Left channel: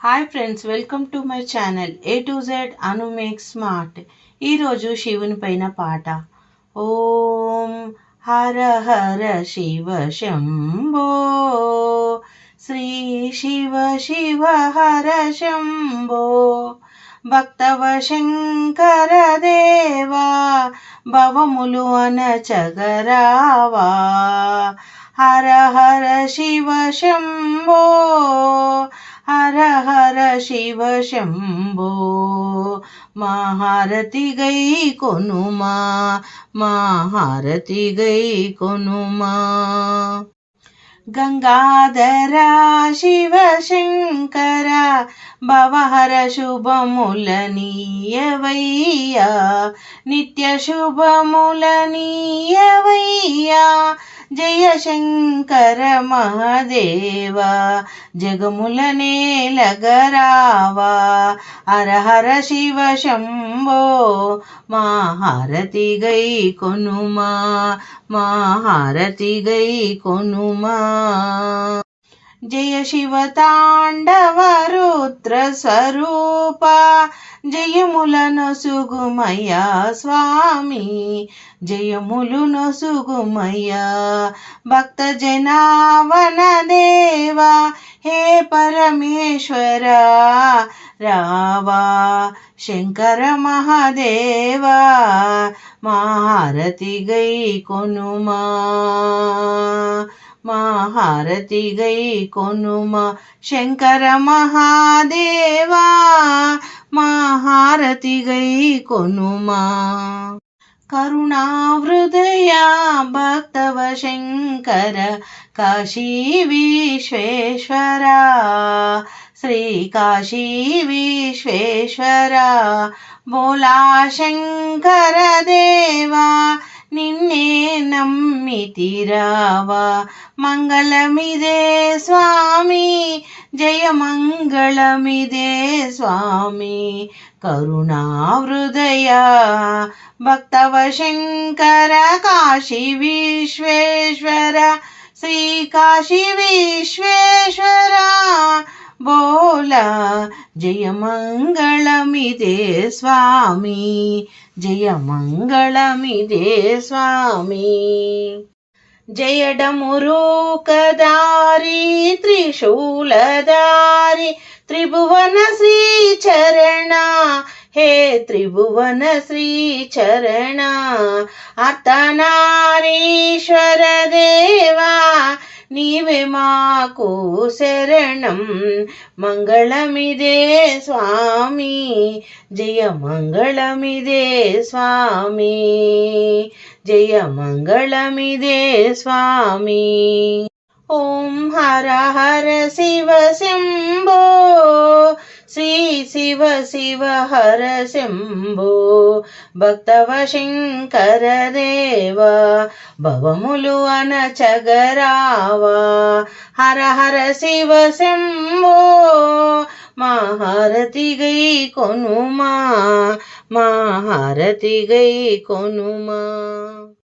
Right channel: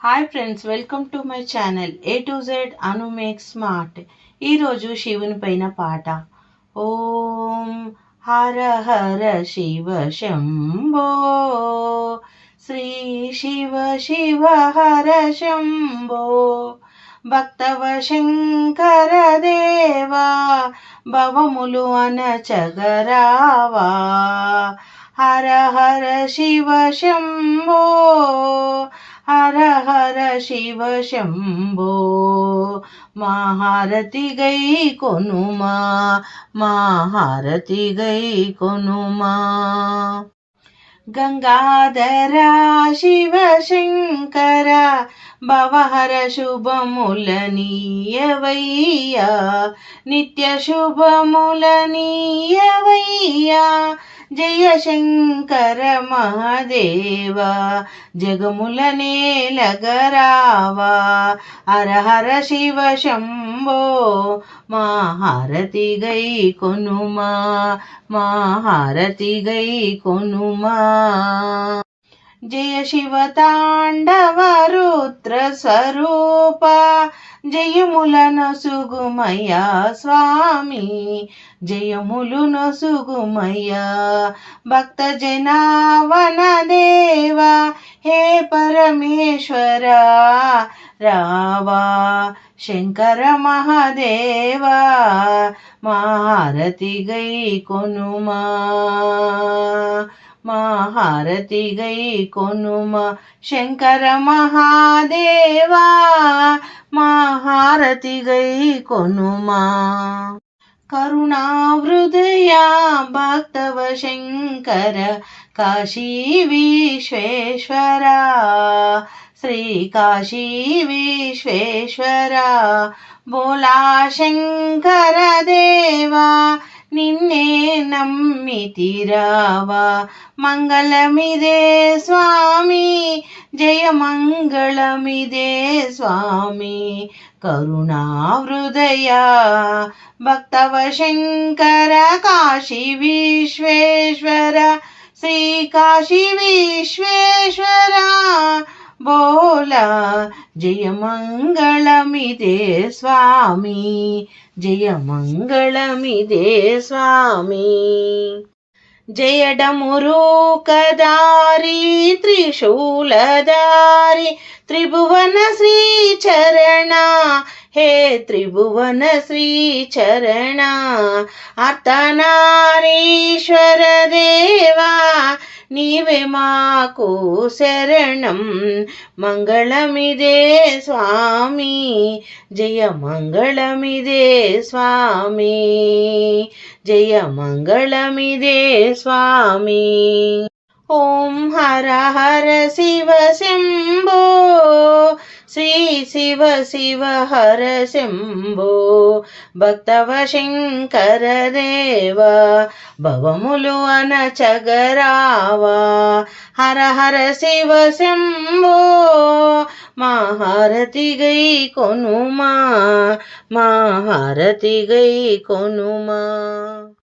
Hi friends, welcome to my channel A to Z Anu make smart. ఈరోజు శివుని పైన పాట. ఓం హర హర శివ శంభో, శ్రీ శివ శివ హర శంభో, భక్తవ శంకర దేవా, భవములు అనచగరావా. హర హర శివ శంభో, హర హర శివ శంభో, మహారతి గై కొనుమా, మహారతి గై కొనుమా. గంగాధర శివ శంకర భవహర శుభములనీయవయ్యా, నిత్య శుభములనీయవయ్యా. జయ శంకర మహాదేవ, జగముల నేలగరావా. హర హర శివ శంభో, మహారతి గై కొనుమా, మహారతి గై కొనుమా. జయ శివ తాండవ రుద్ర స్వరూప, జయముల నొసుగుమయ్యా స్వామి, జయములు నొసుగుమయ్యా. భక్త జనావన దేవా, హే పరమేశ్వర రావా. శంకర మహాదేవా, మహారతి గై కొనుమా, మహారతి గై కొనుమా. శంకర మహాదేవా, మహారతి గై కొనుమా. కరుణా హృదయ భక్తవ శంకర కాశీ విశ్వేశ్వర, శ్రీ కాశీ విశ్వేశ్వర. బోలా శంకర దేవా, నిన్నే నమ్మితిరావా. మంగళమిదే స్వామి, జయ మంగళమిదే స్వామి. కరుణా హృదయ భక్తవ శంకర కాశీ విశ్వేశ్వర, శ్రీ కాశీ విశ్వేశ్వర. బోలా జయ మంగళమిదే స్వామి, జయ మంగళమిదే స్వామి. జయడమురూకదారి త్రిశూలధారి, త్రిభువన శ్రీచరణ, హే త్రిభువన శ్రీచరణ. అర్ధనారీశ్వర దేవా, నీవే మాకు శరణం. మంగళమిదే స్వామి, జయ మంగళమిదే స్వామి, జయ మంగళమిదే స్వామి. ఓం హర హర శివ శంభో, శ్రీ శివ శివ హర శంభో, భక్తవ శంకర దేవా, భవములు అనచగరావా. హర హర శివ శంభో, మహారతి గై కొనుమా, మహారతి గై కొనుమా.